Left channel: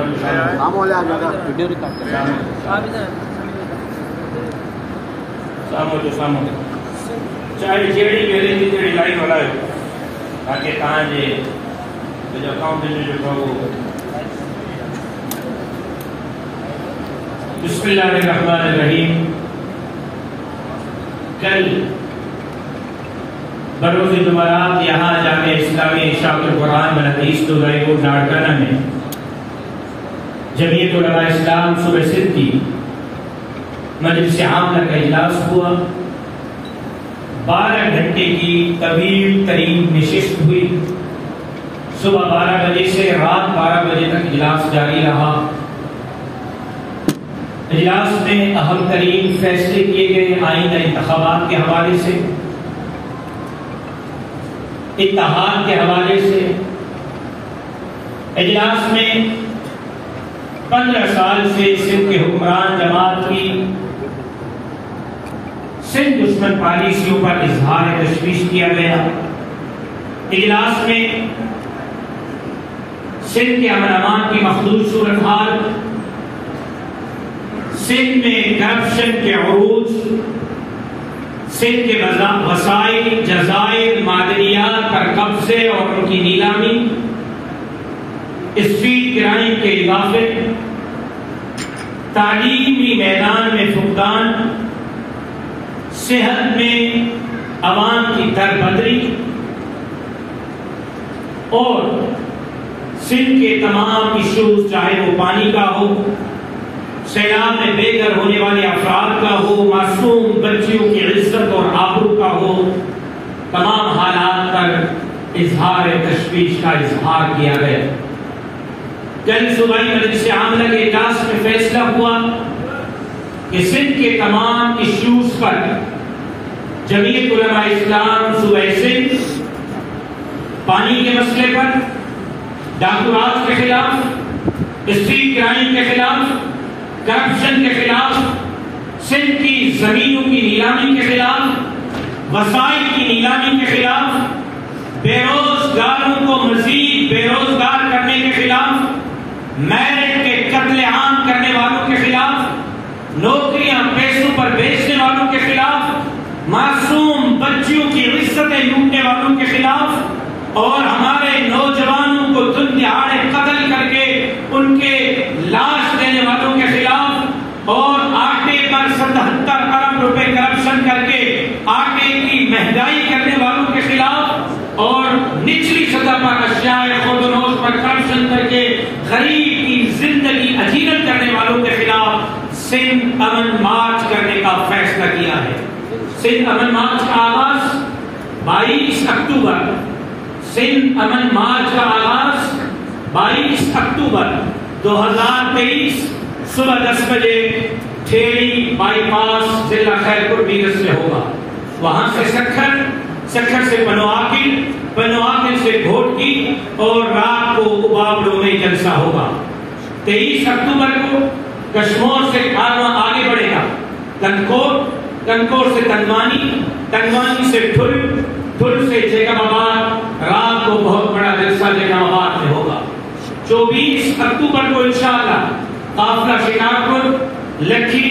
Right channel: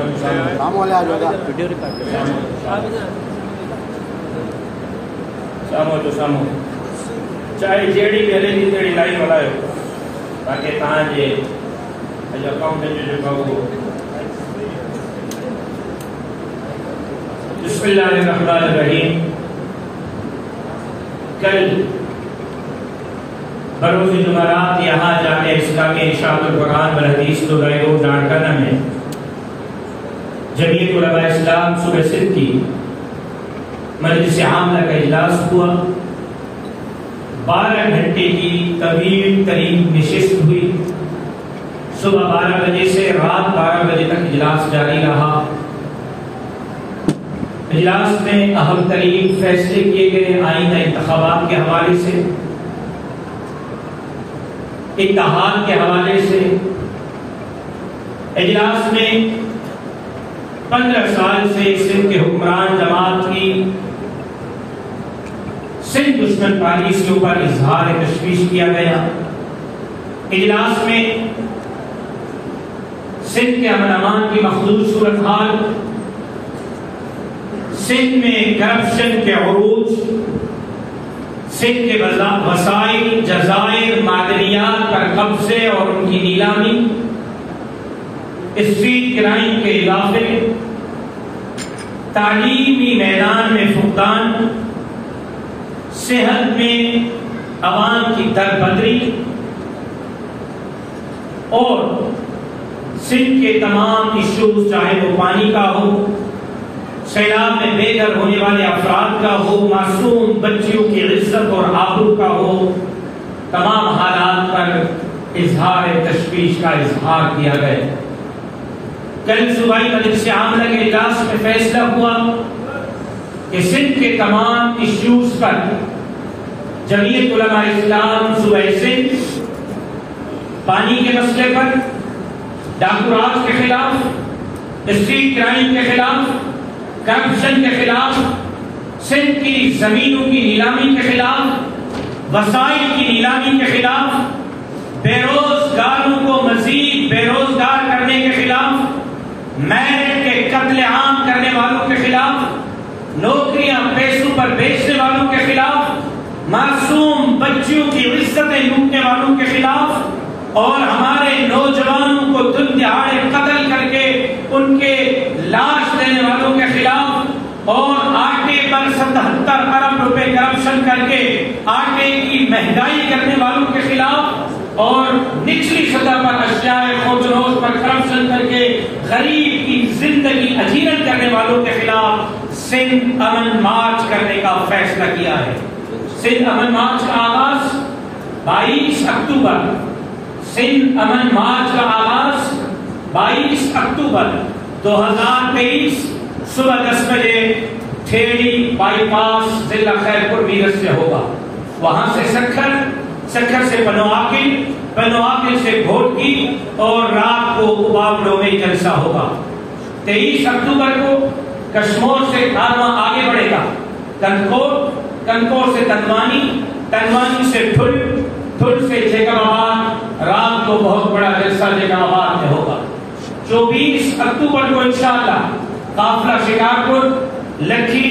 Video record سامو تو سامو چاہے جیڑی میرے کی جیڑی لائن والا ہے تاکہ تاں جے جو کاؤں دے جو کھاؤ بسم اللہ الرحمن الرحیم کل بروز جمعرات یہاں جامعہ اسلامی اشاعت القرآن والحدیث تو دائیو لاڑکانہ میں جمعیت علماء اسلام صبح سندھ کی مجلس عامہ کا اجلاس ہوا 12 گھنٹے کی طویل ترین نشست ہوئی صبح 12 بجے سے رات 12 بجے تک اجلاس جاری رہا اجلاس میں اہم ترین فیصلے کیے گئے آئندہ انتخابات کے حوالے سے اتحاد کے حوالے سے اجلاس میں 15 سال سے سندھ کے حکمران جماعت کی سندھ دشمن پالیسیوں پر اظہار تشویش کیا گیا اجلاس میں سندھ کے امن امان کی مخدوش صورتحال سندھ میں کرپشن کے عروج سندھ کے وسائل جزائر معدنیات پر قبضے اور ان کی نیلامی اسٹریٹ کرائم کے اضافے تعلیمی میدان میں فقدان صحت میں عوام کی دربدری اور سندھ کے تمام ایشوز چاہے وہ پانی کا ہو سیلاب میں بے گھر ہونے والے افراد کا ہو معصوم بچیوں کی عزت اور آبرو کا ہو تمام حالات پر اظہار تشویش کا اظہار کیا گیا کل صوبائی مجلس عاملہ کے اجلاس میں فیصلہ ہوا کہ سندھ کے تمام ایشوز پر جمعیت علماء اسلام صوبہ سندھ پانی کے مسئلے پر ڈاکو راج کے خلاف اسٹریٹ کرائم کے خلاف کرپشن کے خلاف سندھ کی زمینوں کی نیلامی کے خلاف وسائل کی نیلامی کے خلاف بے روزگاروں کو مزید بے روزگار کرنے کے خلاف میرٹ کے قتل عام کرنے والوں کے خلاف نوکریاں پیسوں پر بیچنے والوں کے خلاف معصوم بچیوں کی عزتیں لوٹنے والوں کے خلاف اور ہمارے نوجوانوں کو دن دہاڑے قتل کر کے ان کے لاش دینے والوں کے خلاف اور آٹے پر 77 ارب روپے کرپشن کر کے آٹے کی مہنگائی کرنے والوں کے خلاف اور نچلی سطح پر اشیاء خودروز پر کرپشن کر کے غریب کی زندگی اجیرت کرنے والوں کے خلاف سندھ امن مارچ کرنے کا فیصلہ کیا ہے سندھ امن مارچ کا آغاز 22 اکتوبر سندھ امن مارچ کا آغاز 22 اکتوبر 2023 صبح 10 بجے ٹھیڑی بائی پاس ضلع خیرپور میرٹھ سے ہوگا وہاں سے سکھر سے پنواکل سے گھوٹکی اور رات کو کباوڑوں میں جلسہ ہوگا 23 اکتوبر کو کشمور سے کارواں آگے بڑھے گا کنکور سے تنوانی سے پھل سے جیکم آباد رات کو بہت بڑا جلسہ جیکم آباد میں ہوگا 24 اکتوبر کو انشاءاللہ قافلہ شکارپور لکھی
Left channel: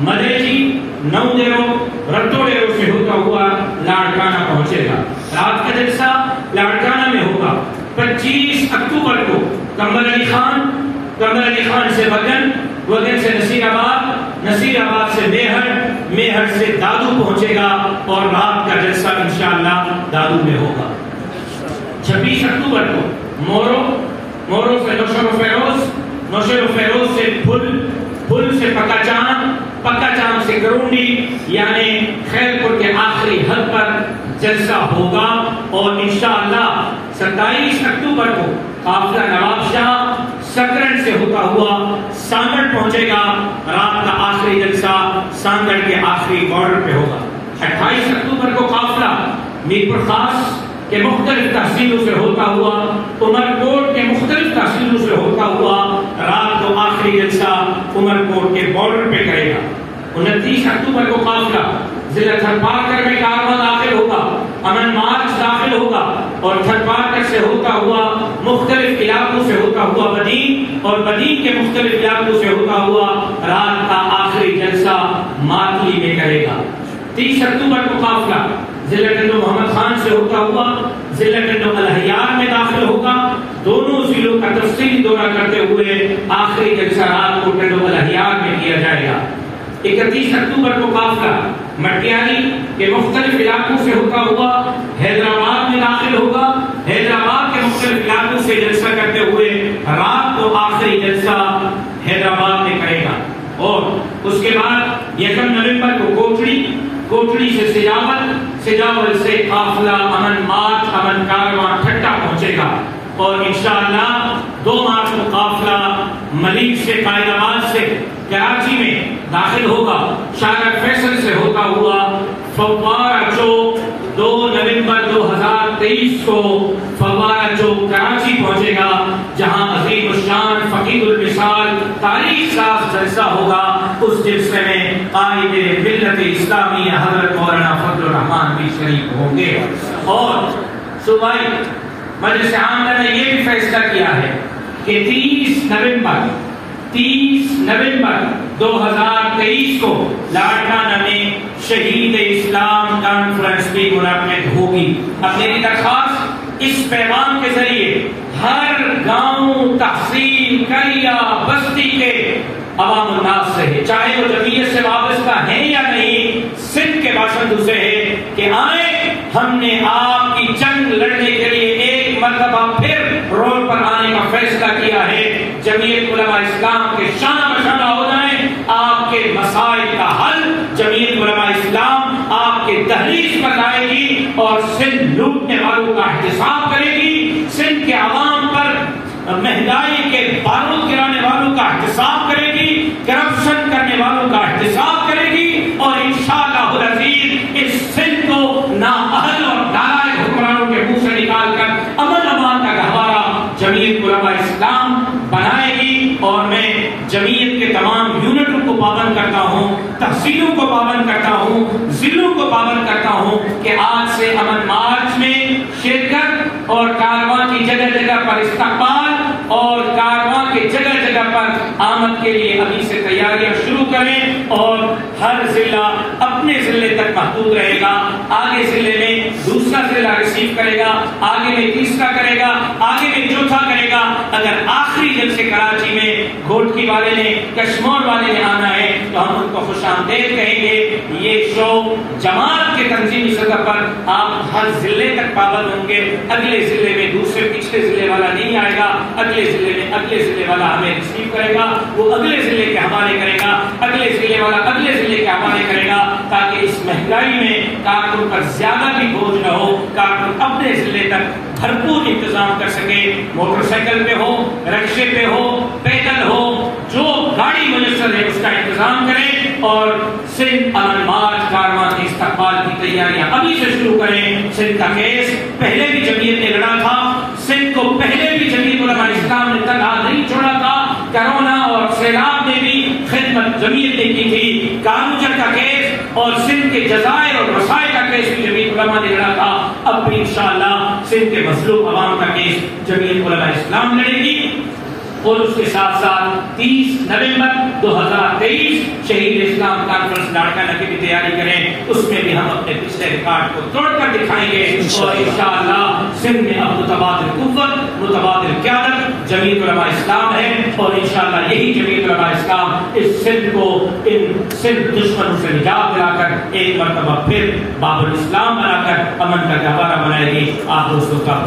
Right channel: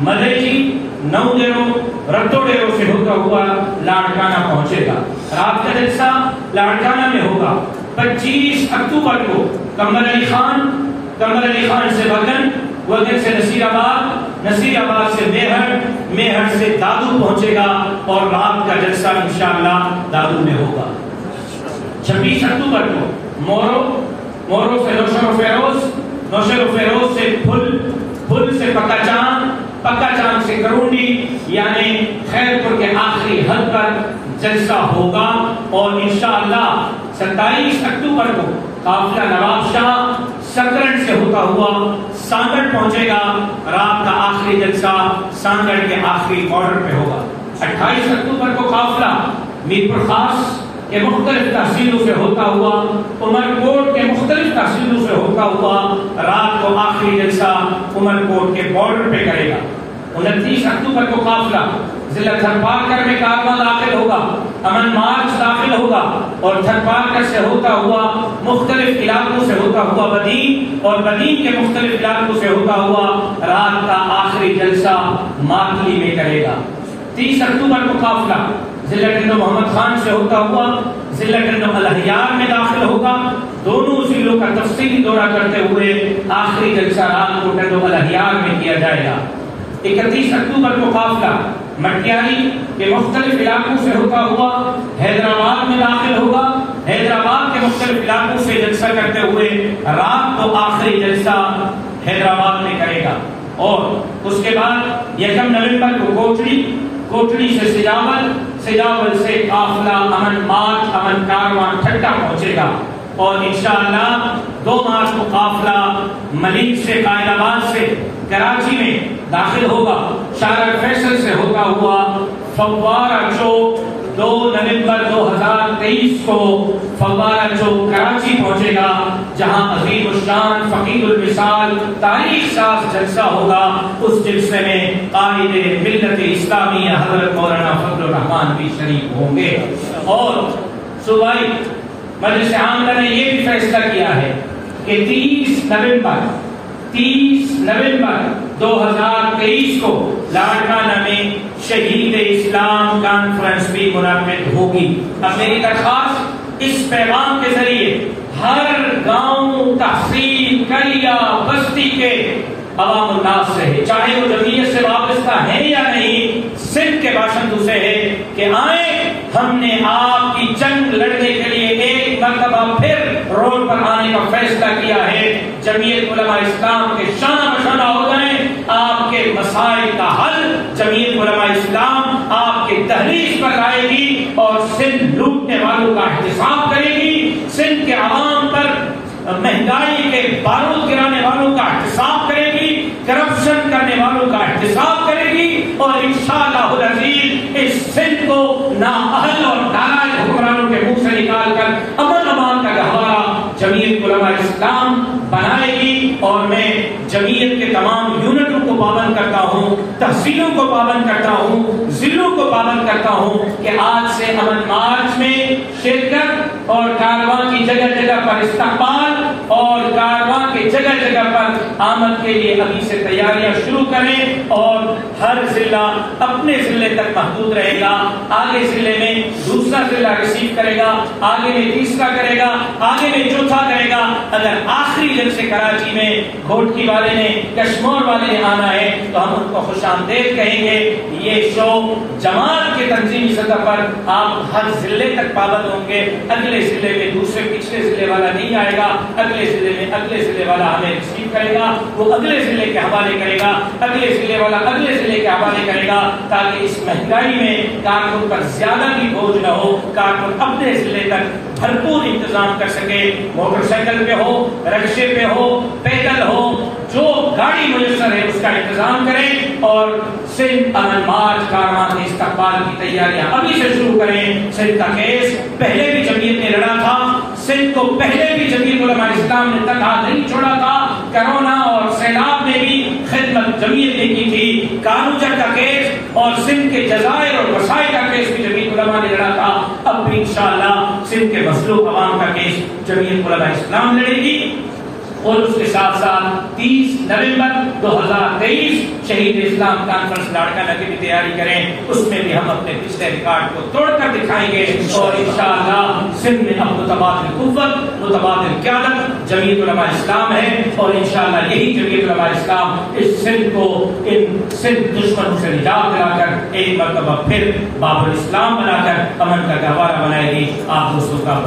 مدیجی نو دیرو رتو ڈیرو سے ہوتا ہوا لاڑکانہ پہنچے گا رات کا جلسہ لاڑکانہ میں ہوگا 25 اکتوبر کو کمر علی خان سے وگن سے نصیر آباد سے میہر سے دادو پہنچے گا اور رات کا جلسہ انشاءاللہ دادو میں ہوگا 26 اکتوبر کو مورو سے نوشہر و فیروز سے پھل سے پکا چاند سے کرونڈی یعنی خیرپور کے آخری حد پر جلسہ ہوگا اور انشاءاللہ 27 اکتوبر کو قافلہ نواب شاہ سکرن سے ہوتا ہوا سانگڑ پہنچے گا رات کا آخری جلسہ سانگڑ کے آخری بارڈر پہ ہوگا 28 اکتوبر کو قافلہ میرپور خاص کے مختلف تحصیلوں سے ہوتا ہوا عمرکوٹ کے مختلف تحصیلوں سے ہوتا ہوا رات کو آخری جلسہ عمرکوٹ کے بارڈر پہ کرے گا 29 اکتوبر کو قافلہ ضلع تھرپارکر میں کارواں داخل ہوگا امن مارچ داخل ہوگا اور تھرپارکر سے ہوتا ہوا مختلف علاقوں سے ہوتا ہوا بدین اور بدین کے مختلف علاقوں سے ہوتا ہوا رات کا آخری جلسہ ماتلی میں کرے گا۔ 30 اکتوبر کو قافلہ ضلع گنڈو محمد خان سے ہوتا ہوا ضلع گنڈو الحیار میں داخل ہوگا۔ دونوں ضلعوں کا تفصیلی دورہ کرتے ہوئے آخری جلسہ رات کو گنڈو الحیار میں کیا جائے گا۔ 31 اکتوبر کو قافلہ مٹیالی کے مختلف علاقوں سے ہوتا ہوا حیدرآباد میں داخل ہوگا۔ حیدرآباد کے مختلف علاقوں سے جلسہ کرتے ہوئے رات کو آخری جلسہ حیدرآباد میں کرے گا۔ اور اس کے بعد 1 نومبر کو کوٹڑی سے سجاول سے قافلہ امن مارچ امن کارواں ٹھٹا پہنچے گا۔ اور انشاءاللہ 2 مارچ کو قافلہ ملیک سے قائد آباد سے کراچی میں داخل ہوگا۔ شارع فیصل سے ہوتا ہوا فوارہ چوک 2 نومبر 2023 کو فوارہ چوک کراچی پہنچے گا، جہاں عظیم الشان فقید المثال تاریخ ساز جلسہ ہوگا۔ اس جلسے میں قائد ملت اسلامیہ حضرت مولانا فضل الرحمان بھی شریک ہوں گے۔ اور صوبائی مجلس عاملہ نے یہ بھی فیصلہ کیا ہے کہ 30 نومبر 2023 کو لاڑکانہ میں شہید اسلام کانفرنس بھی منعقد ہوگی۔ اب میری درخواست اس پیغام کے ذریعے ہر گاؤں، تحصیل، قریہ، بستی کے عوام الناس سے ہے، چاہے وہ جمعیت سے وابستہ ہیں یا نہیں، سندھ کے باشندوں سے ہے کہ آئیں، ہم نے آپ کی جنگ لڑنے کے لیے ایک مرتبہ پھر روڈ پر آنے کا فیصلہ کیا ہے۔ جمعیت علماء اسلام کے شانہ بشانہ ہو جائیں، آپ کے مسائل کا حل جمعیت علماء اسلام آپ کے تحریش پر لائے گی اور سندھ لوٹنے والوں کا احتساب کرے گی، سندھ کے عوام پر مہنگائی کے بارود گرانے والوں کا احتساب کرے گی، کرپشن کرنے والوں کا احتساب کرے گی، اور انشاءاللہ العزیز اس سندھ کو نااہل اور نالائق حکمرانوں کے منہ سے نکال کر امن امان کا گہوارہ جمعیت علماء اسلام بنائے گی۔ اور میں جمعیت کے تمام یونٹوں کو پابند کرتا ہوں، تحصیلوں کو پابند کرتا ہوں، ضلعوں کو پابند کرتا ہوں کہ آج سے امن مارچ میں شرکت اور کارواں کی جگہ جگہ پر استقبال اور کارواں کے جگہ جگہ پر آمد کے لیے ابھی سے تیاریاں شروع کریں، اور ہر ضلع اپنے ضلع تک محدود رہے گا۔ آگے ضلع میں دوسرا ضلع ریسیو کرے گا، آگے میں تیسرا کرے گا، آگے میں چوتھا کرے گا۔ اگر آخری دن سے کراچی میں گھوٹکی والے نے، کشمور والے نے آنا ہے تو ہم ان کو خوش آمدید کہیں گے۔ یہ شو جماعت کے تنظیمی سطح پر آپ ہر ضلع تک پابند ہوں گے۔ اگلے ضلع میں دوسرے پچھلے ضلع والا نہیں آئے گا، اگلے ضلع میں اگلے ضلع والا ہمیں ریسیو کرے گا، وہ اگلے ضلع کے حوالے کرے گا، اگلے ضلع والا اگلے ضلع کے حوالے کرے گا، تاکہ اس مہنگائی میں کارکن پر زیادہ بھی بوجھ نہ ہو، کارکن اپنے ضلع تک بھرپور انتظام کر سکے۔ موٹر سائیکل پہ ہو، رکشے پہ ہو، پیدل ہو، جو گاڑی میسر ہے اس کا انتظام کریں، اور سندھ امن مارچ کارواں کے استقبال کی تیاریاں ابھی سے شروع کریں۔ سندھ کا کیس پہلے بھی جمعیت نے لڑا تھا، سندھ کو پہلے بھی جمعیت علماء اسلام نے تنہا نہیں چھوڑا تھا، کرونا اور سیلاب میں بھی خدمت جمعیت نے کی تھی۔ کانوجر کا کیس اور سندھ کے جزائر اور مسائل کا کیس بھی جمعیت علماء نے لڑا تھا، اب بھی انشاءاللہ سندھ کے مظلوم عوام کا کیس جمعیت علماء اسلام لڑے گی۔ اور اس کے ساتھ ساتھ 30 نومبر 2023 شہید اسلام کانفرنس لاڑکانہ کی بھی تیاری کریں، اس میں بھی ہم اپنے پچھلے ریکارڈ کو توڑ کر دکھائیں گے، اور انشاءاللہ سندھ میں اب متبادل قوت، متبادل قیادت جمعیت علماء اسلام ہے، اور انشاءاللہ یہی جمعیت علماء اسلام اس سندھ کو ان سندھ دشمنوں سے نجات دلا کر ایک مرتبہ پھر باب الاسلام بنا کر امن کا گہوارہ بنائے گی۔ آپ دوستوں کا